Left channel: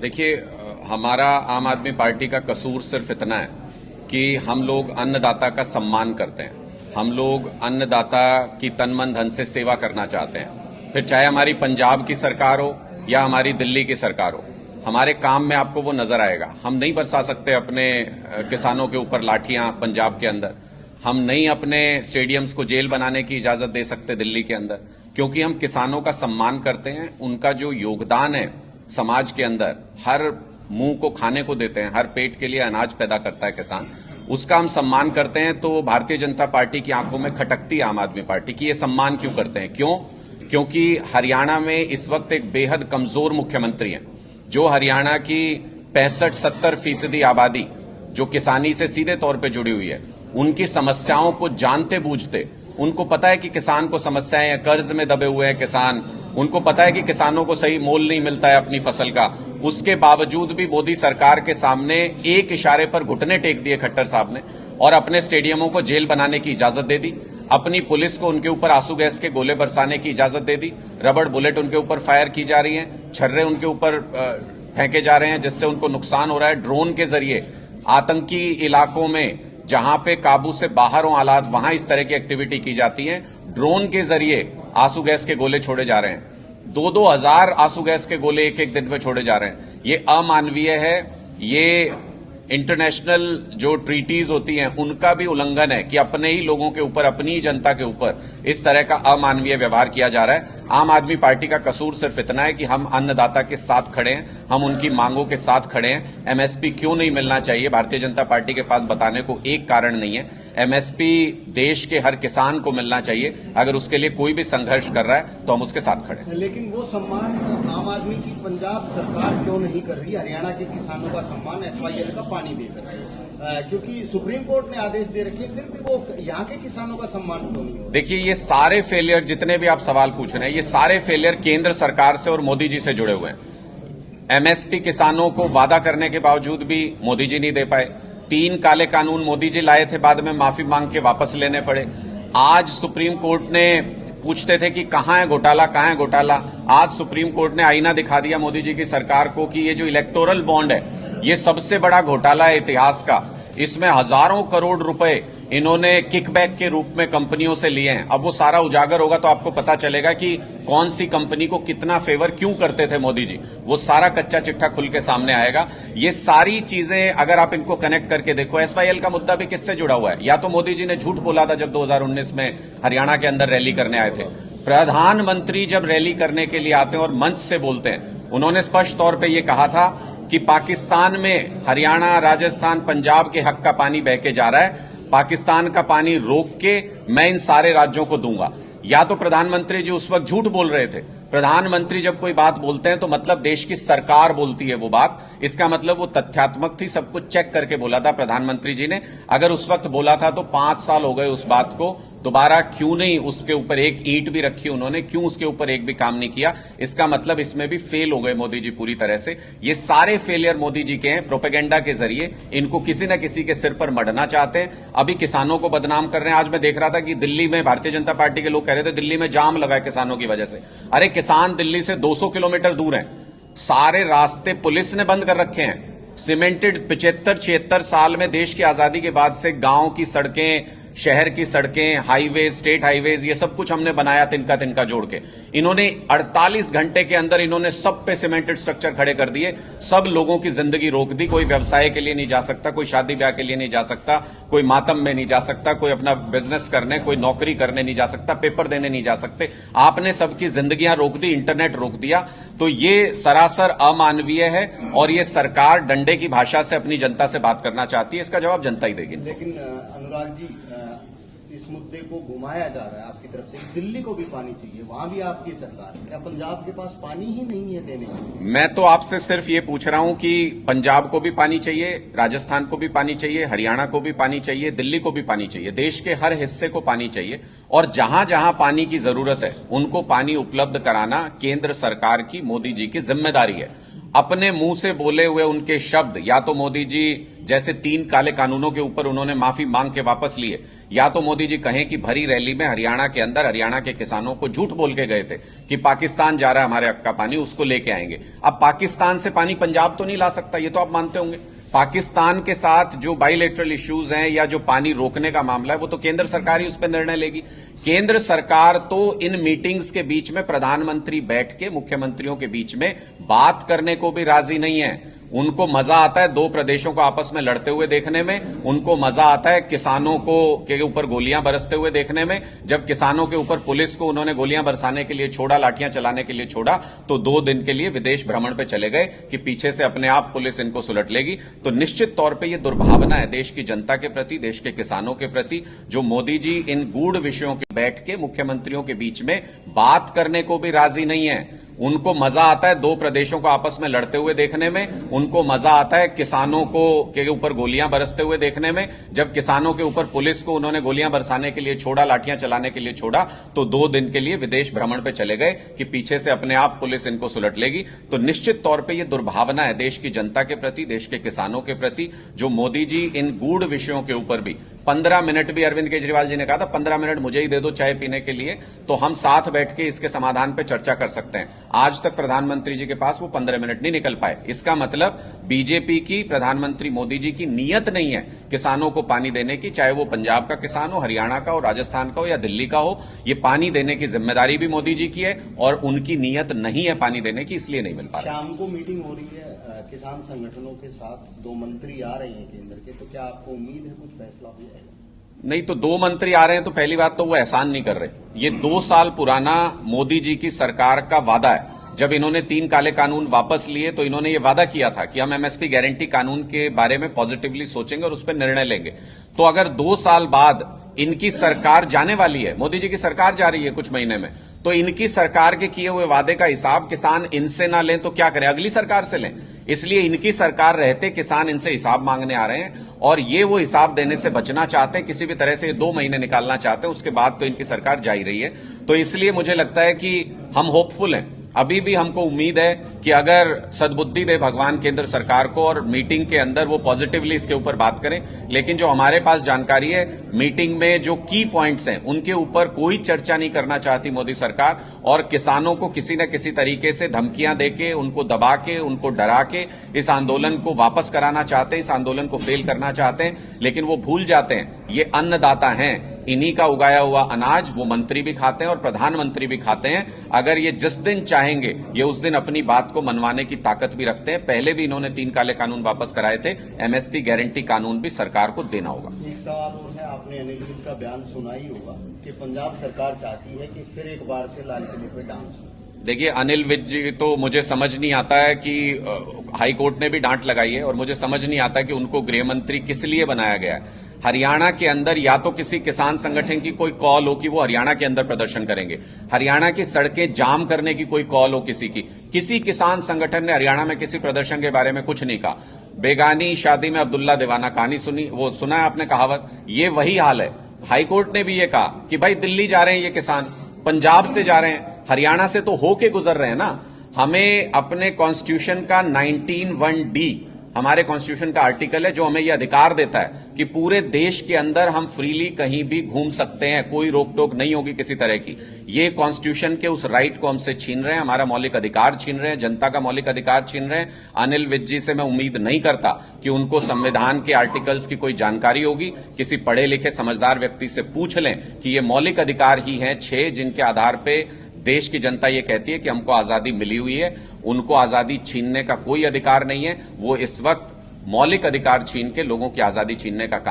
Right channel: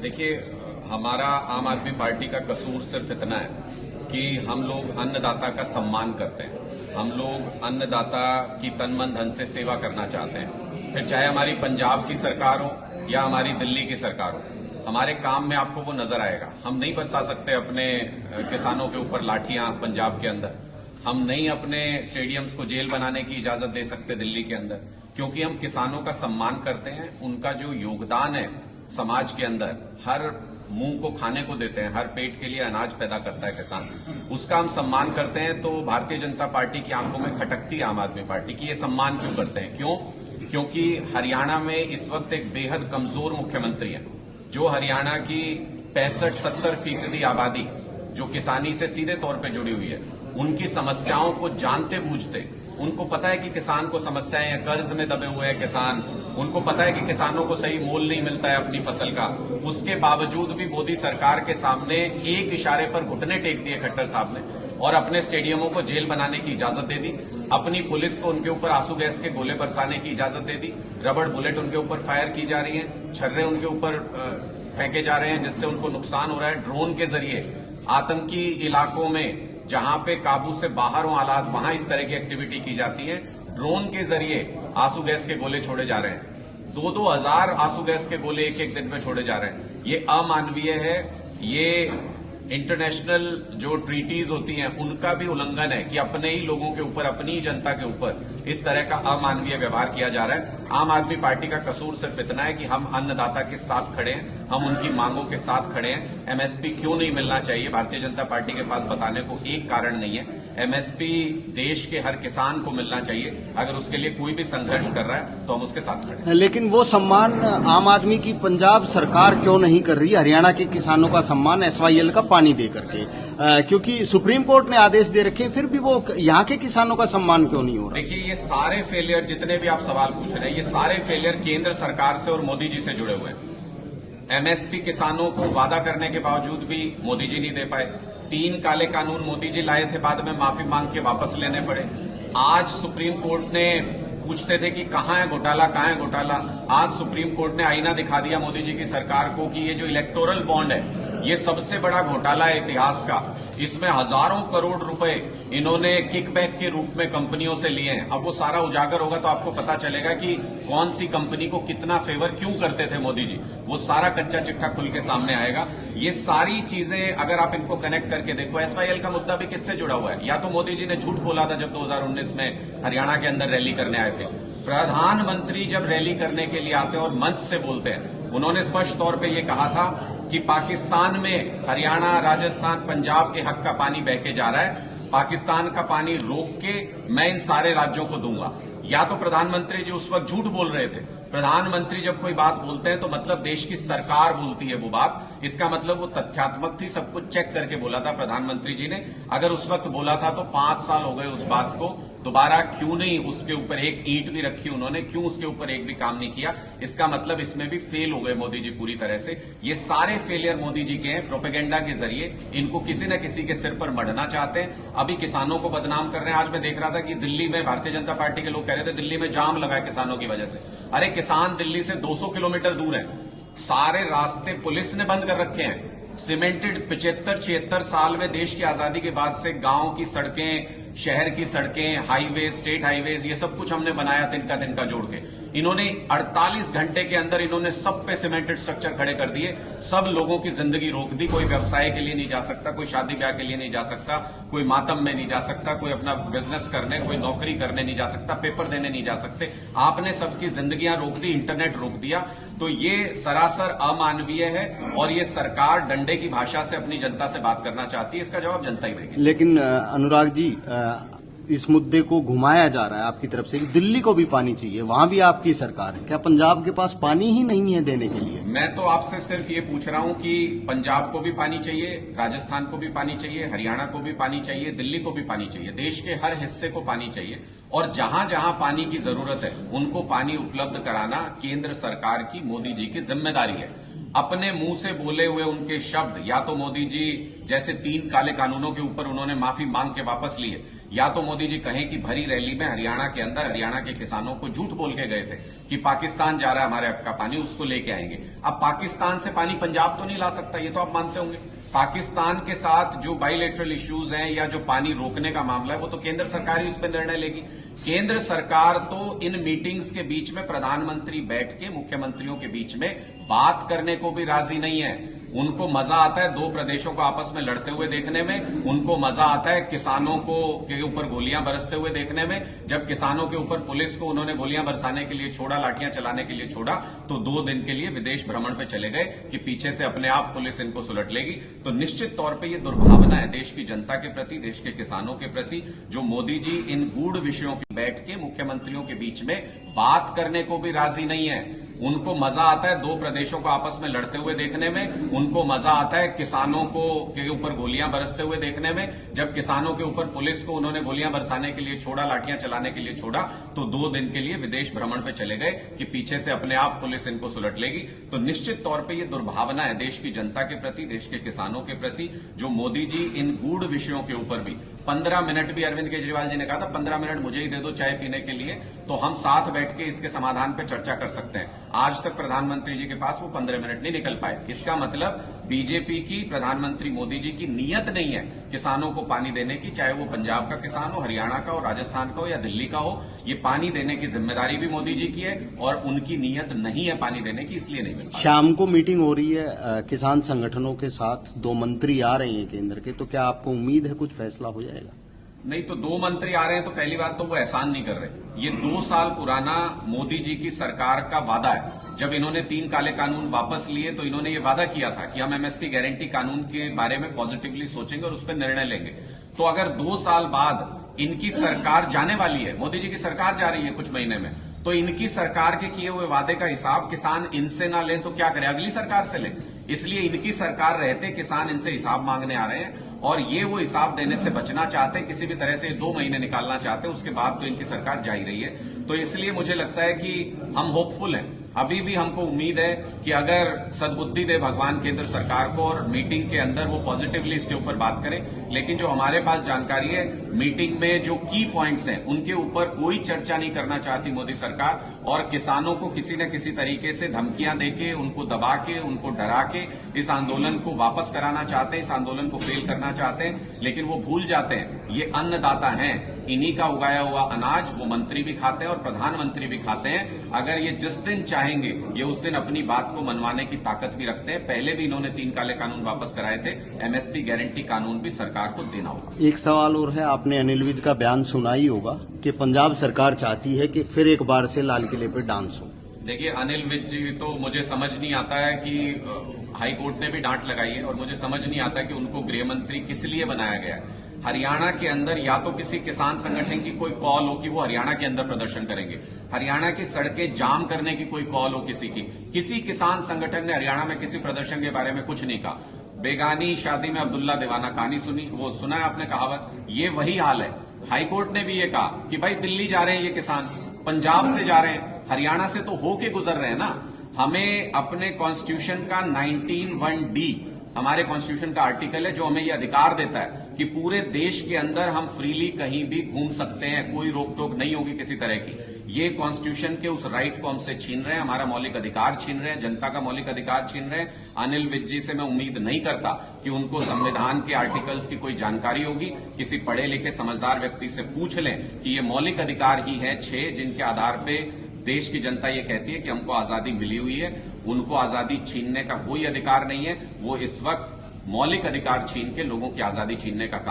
देखिए, हमारा आम आदमी पार्टी का कसूर सिर्फ इतना है कि हम लोग अन्नदाता का सम्मान करते हैं। हम लोग अन्नदाता की तन मन धन से सेवा करना चाहते हैं। फिर चाहे हमारी पंजाब की सरकार हो या हमारी दिल्ली की सरकार हो, हमारे काम में आपको वो नजर आएगा। हम नहीं बरसा सकते अपने किसानों के ऊपर लाठियां पंजाब के अंदर। हम नहीं अपने स्टेडियम्स को जेल बनाने की इजाजत दे सकते दिल्ली के अंदर, क्योंकि हम किसानों का सम्मान करते हैं। उनका जो योगदान है समाज के अंदर, हर मुंह को खाने को देते हैं, हर पेट के लिए अनाज पैदा करता है किसान, उसका हम सम्मान करते हैं। तो भारतीय जनता पार्टी की आंखों में खटकती है आम आदमी पार्टी की, ये सम्मान क्यों करते हैं? क्यों? क्योंकि हरियाणा में इस वक्त एक बेहद कमजोर मुख्यमंत्री है, जो हरियाणा की 65-70% आबादी जो किसानी से सीधे तौर पे जुड़ी हुई है, उनकी समस्याओं को जानते बूझते, उनको पता है कि किसान को समस्याएं हैं, कर्ज में दबे हुए हैं किसान, उनको पता है कि किसानों को सही मोल नहीं मिलता है अपनी फसल का। उसके बावजूद भी मोदी सरकार के सामने एक इशारे पर घुटने टेक दिए खट्टर साहब ने और अपने स्टेडियमों को जेल बनाने की इजाजत दे दी। अपनी पुलिस को उनके ऊपर आंसू गैस के गोले बरसाने की इजाजत दे दी। रबड़ बुलेट उनके ऊपर फायर की जा रही है, छर्रे उनके ऊपर फेंके जा रहे हैं, जिससे उनको नुकसान हो रहा है। ड्रोन के जरिए आतंकी इलाकों में जहां पे काबू से बाहर हो हालात, वहां इस तरह की एक्टिविटी की जाती है। ड्रोन के जरिए आंसू गैस के गोले छोड़े जा रहे हैं। 2-2 हजार आंसू गैस के गोले एक एक दिन में छोड़े जा रहे हैं। ये अमानवीय है। ये इंटरनेशनल जो ट्रीटीज होती हैं उनका भी उल्लंघन है कि अपने ही लोगों के ऊपर, अपनी ही जनता के ऊपर इस तरह का अमानवीय व्यवहार किया जा रहा है। आम आदमी पार्टी का कसूर सिर्फ इतना है कि हम अन्नदाता के साथ खड़े हैं, हम उनकी मांगों के साथ खड़े हैं। एमएसपी क्यों नहीं मिलना चाहिए, भारतीय जनता पार्टी के पास बताने को एक कारण नहीं है। एमएसपी देश के हर किसान को मिलना चाहिए। अगर उसके लिए कोई भी संघर्ष कर रहा है तो हम उसके साथ खड़े हैं। लेकिन वो सम्मान आम आदमी की पंजाब सरकार क्यों नहीं कर रही? हरियाणा के किसानों का सम्मान एसवाईएल का पानी दे करके, क्योंकि सुप्रीम कोर्ट ने आदेश दे रखे, फिर भी वो यहाँ के किसानों का सम्मान क्यों नहीं हो रहा? देखिए, ये सारे फेलियर, जितने भी आप सवाल पूछ रहे हैं, ये सारे फेलियर केंद्र सरकार से और मोदी जी से जुड़े हुए हैं। एमएसपी किसानों को वादा करने के बावजूद भी मोदी जी नहीं दे पाए। 3 काले कानून मोदी जी लाए थे, बाद में माफी मांग के वापस लेने पड़े। आज सुप्रीम कोर्ट ने पूछते थे कि कहां है घोटाला, कहां है घोटाला। आज सुप्रीम कोर्ट ने आईना दिखा दिया मोदी जी की सरकार को कि ये जो इलेक्टोरल बॉन्ड है, ये सबसे बड़ा घोटाला है इतिहास का। इसमें हजारों करोड़ रुपए इन्होंने किकबैक के रूप में कंपनियों से लिए हैं। अब वो सारा उजागर होगा तो आपको पता चलेगा कि कौन सी कंपनी को कितना फेवर क्यों करते थे मोदी जी। वो सारा कच्चा चिट्ठा खुल के सामने आएगा। ये सारी चीजें अगर आप इनको कनेक्ट करके देखो, एसवाईएल का मुद्दा भी किससे जुड़ा हुआ है? या तो मोदी जी ने झूठ बोला था जब 2019 में हरियाणा के अंदर रैली करने आए थे। प्रधानमंत्री जब रैली करने के लिए आते हैं और मंच से बोलते हैं, उन्होंने स्पष्ट तौर पर यह कहा था कि पाकिस्तान में हरियाणा, राजस्थान, पंजाब के हक का पानी बह के जा रहा है, पाकिस्तान का पानी रोक के मैं इन सारे राज्यों को दूंगा। या तो प्रधानमंत्री जी उस वक्त झूठ बोल रहे थे। प्रधानमंत्री जब कोई बात बोलते हैं तो मतलब देश की सरकार बोलती है वो बात, इसका मतलब वो तथ्यात्मक थी, सब कुछ चेक करके बोला था प्रधानमंत्री जी ने। अगर उस वक्त बोला था तो 5 साल हो गए उस बात को, दोबारा क्यों नहीं उसके ऊपर एक ईंट भी रखी उन्होंने, क्यों उसके ऊपर एक भी काम नहीं किया? इसका मतलब इसमें भी फेल हो गए मोदी जी पूरी तरह से। ये सारे फेलियर मोदी जी के हैं, प्रोपेगेंडा के जरिए इनको किसी न किसी के सिर पर मढ़ना चाहते हैं। अभी किसानों को बदनाम कर रहे हैं। आज मैं देख रहा था कि दिल्ली में भारतीय जनता पार्टी के लोग कह रहे थे दिल्ली में जाम लगा है किसानों की वजह से। अरे किसान दिल्ली से 200 किलोमीटर दूर हैं, सारे रास्ते पुलिस ने बंद कर रखे हैं। सीमेंटेड 75-76 साल में देश की आजादी के बाद से गांव की सड़कें, शहर की सड़कें, हाईवे, स्टेट हाईवेज, ये सब कुछ हमने बनाया तिनका तिनका जोड़ के। इन्होंने 48 घंटे के अंदर इन्होंने सब पे सीमेंटेड स्ट्रक्चर खड़े कर दिए, सब लोगों की जिंदगी रोक दी। कोई व्यवसाय के लिए नहीं जा सकता, कोई शादी ब्याह के लिए नहीं जा सकता, कोई मातम में नहीं जा सकता, कोई अपना बिजनेस करने, कोई नौकरी करने नहीं जा सकता, पेपर देने नहीं जा सकते। आपने सबकी जिंदगियां रोक दी, इंटरनेट रोक दिया। तो ये सरासर अमानवीय है और ये सरकार डंडे की भाषा से अपनी जनता से बात करना चाहती है। इसका जवाब जनता ही देगी। लेकिन अनुराग जी, इस मुद्दे को घुमाया जा रहा है आपकी तरफ से कि दिल्ली को भी पानी चाहिए, वहां भी आपकी सरकार है। क्या पंजाब के पास पानी ही नहीं है देने के लिए? मैं तो आपसे सिर्फ ये पूछ रहा हूं कि पंजाब को भी पानी चाहिए, राजस्थान को भी पानी चाहिए, हरियाणा को भी पानी चाहिए, दिल्ली को भी पानी चाहिए, देश के हर हिस्से को पानी चाहिए। और जहां जहां पानी की जरूरत है उनको पानी उपलब्ध कराना केंद्र सरकार की, मोदी जी की जिम्मेदारी है। अपने मुंह से बोले हुए उनके शब्द, या तो मोदी जी जैसे 3 काले कानूनों के ऊपर उन्होंने माफी मांग के वापस लिए, या तो मोदी जी कहें कि भरी रैली में हरियाणा के अंदर हरियाणा के किसानों को झूठ बोल के गए थे कि पाकिस्तान जा रहा है हमारे हक का पानी, उसको लेके आएंगे। अब पाकिस्तान से पानी पंजाब तो नहीं ला सकता, ये तो आप मानते होंगे। पाकिस्तान के साथ जो बाइलेटरल इश्यूज हैं या जो पानी रोकने का मामला है वो तो केंद्र सरकार ही उस पर निर्णय लेगी। केंद्र सरकार तो इन मीटिंग्स के बीच में प्रधानमंत्री बैठ के मुख्यमंत्रियों के बीच में बात करने को भी राजी नहीं है। उनको मजा आता है दो प्रदेशों को आपस में लड़ते हुए देखने में, उनको मजा आता है किसानों को के ऊपर गोलियां बरसते हुए देखने में। जब किसानों के ऊपर पुलिस को उन्होंने गोलियां बरसाने के लिए छोड़ा, लाठियां चलाने के लिए छोड़ा, तो 2 दिन के लिए विदेश भ्रमण पे चले गए कि पीछे से अपने आप पुलिस इनको सुलट लेगी। तो निश्चित तौर पर यह दुर्भावना है देश की जनता के प्रति, देश के किसानों के प्रति, जो मोदी जी इन गूढ़ विषयों की बैठ के मुख्यमंत्रियों के बीच में बात करने को भी राजी नहीं है। उनको मजा आता है दो प्रदेशों को आपस में लड़ते हुए देखने में, उनको मजा आता है किसानों को के ऊपर गोलियां बरसते हुए देखने में। जब किसानों के ऊपर पुलिस को उन्होंने गोलियां बरसाने के लिए छोड़ा, लाठियां चलाने के लिए छोड़ा, तो 2 दिन के लिए विदेश भ्रमण पे चले गए कि पीछे से अपने आप पुलिस इनको सुलट लेगी। तो निश्चित तौर पे ये दुर्भावना है देश की जनता के प्रति, देश के किसानों के प्रति, जो मोदी जी इन गूढ़ विषयों के ऊपर भी 15 मिनट भी, अरविंद केजरीवाल जी ने कहा था 15 मिनट मुझे ही दे दो चाय पीने के लिए, तो हम साथ बैठ के इसके समाधान पे चर्चा कर सकते हैं। आज तक प्रधानमंत्री जी के पास वो 15 मिनट नहीं निकल पाए। इसका मतलब बीजेपी की, प्रधानमंत्री मोदी जी की नीयत नहीं है किसानों को पानी देने की, चाहे वो पंजाब का किसान हो, हरियाणा का हो, राजस्थान का हो या दिल्ली का हो। ये पानी देने की जिम्मेदारी भी मोदी जी की है और उनकी नीयत नहीं है पानी देने की, इसलिए नहीं मिल पा रहा। शाम को मीटिंग हो रही है किसान संगठनों के साथ, 2 मंत्री आ रहे हैं केंद्र के, तो क्या आपको उम्मीद है कुछ फैसला हो जाएगा? नहीं, तो 2 मंत्री आ रहे हैं तो पहली बात तो वो एहसान नहीं कर रहे। ये 2 साल पुराना मोदी जी की सरकार का वादा है। जब इन्होंने 3 काले कानून वापस लिए तो इन्होंने ये वादा किया था कि हम एमएसपी गारंटी कानून के बारे में पॉजिटिवली सोचेंगे और उस पर निर्णय लेंगे। तो अगर 2 साल बाद इनकी सरकार जाने वाली है, मोदी जी की सरकार जा रही है कुछ महीने में, तो इनकी सरकार के किए हुए वादे का हिसाब किसान इनसे ना लें तो क्या करें, अगली सरकार से लें। इसलिए इनकी सरकार रहते किसान इनसे हिसाब मांगने आ रहे हैं और ये वो हिसाब देने से बचना चाहते हैं, किसी भी तरह से 2 महीने निकालना चाहते हैं, उसके बाद तो इनकी सरकार जा ही रही है। तो इसलिए मुझे लगता है कि हम होपफुल हैं। अभी भी हमको उम्मीद है कि अगर सद्बुद्धि दे भगवान केंद्र सरकार को और मीटिंग के अंदर वो पॉजिटिवली इसके ऊपर बात करें। लेकिन जो हमारे पास जानकारी है, मीटिंग में जो की पॉइंट्स हैं उनके ऊपर कोई चर्चा नहीं करना चाहती मोदी सरकार और किसानों को किसी न किसी तरीके से धमकियां देके, उनको दबा के, उनको डरा के इस आंदोलन को वापस कराना चाहते हैं, इस आंदोलन को फेल करना चाहते हैं। लेकिन वो भूल जाते हैं ये अन्नदाता हैं, इन्हीं का उगाया हुआ अनाज वो मंत्री भी खाते हैं और प्रधानमंत्री भी खाते हैं। अगर ये जिस दिन चाहेंगे ये उस दिन अपनी बात को मनवाने की ताकत भी रखते हैं। पहले भी इन्होंने 3 काले कानून वापस कराए थे, एमएसपी गारंटी कानून भी सरकार को देना होगा। एक सवाल और है, आपने अनिल विज का बयान सुना ही होगा कि पंजाब सरकार चाहती है कि फिर एक बार से लाल किले पर डांस हो। देखिए, अनिल विज जी तो मुझे समझ नहीं आता है कि हाई कोर्ट ने भी डांट लगाई है और मुझे समझ नहीं आता कि उनको गृह मंत्री किस लिए बनाया गया है। हरियाणा के अंदर या तो किसी किसान संगठन की कोई कॉल हो कि वो हरियाणा के अंदर प्रदर्शन करेंगे, हरियाणा की सड़कें जाम करने की कोई कॉल हो किसी की, किसी किसान संगठन ने हरियाणा में किसी प्रदर्शन के बारे में कुछ नहीं कहा। बेगानी शादी में अब्दुल्ला दीवाना कहानी सुनी, वो सुना है आपने कहावत, ये वही हाल है। हाईकोर्ट ने भी ये कहा कि भाई दिल्ली जा रहे हैं ये किसान, पंजाब से जा रहे हैं, हरियाणा से तो होके गुजर रहे हैं ना। हमें अपने कॉन्स्टिट्यूशन का 19(1)(d) हमारे कॉन्स्टिट्यूशन का आर्टिकल है जो हमें यह अधिकार देता है कि पूरे देश के अंदर हम फ्रीली कहीं भी घूम सकते हैं, कोई रोक टोक नहीं होगी किसी तरह की। ये कॉन्स्टिट्यूशन के उस राइट को हमसे छीन रहे हैं, हमारा मौलिक अधिकार छीन रहे हैं, जनता का मौलिक अधिकार छीन रहे हैं। अनिल विज जी से मैं उम्मीद नहीं करता कि उनको संविधान के आर्टिकल्स की कोई जानकारी होगी। किसी पढ़े लिखे समझदार व्यक्ति से पूछ लें कि ये मौलिक अधिकार ही हैं 6 जिनके आधार पे देश की जनता ये कहती है कि हमको आजादी मिली हुई है। उनको आजादी छीनने का कोई अधिकार नहीं है। वो इस वक्त मौलिक अधिकार छीन के लोगों की आजादी छीनने का काम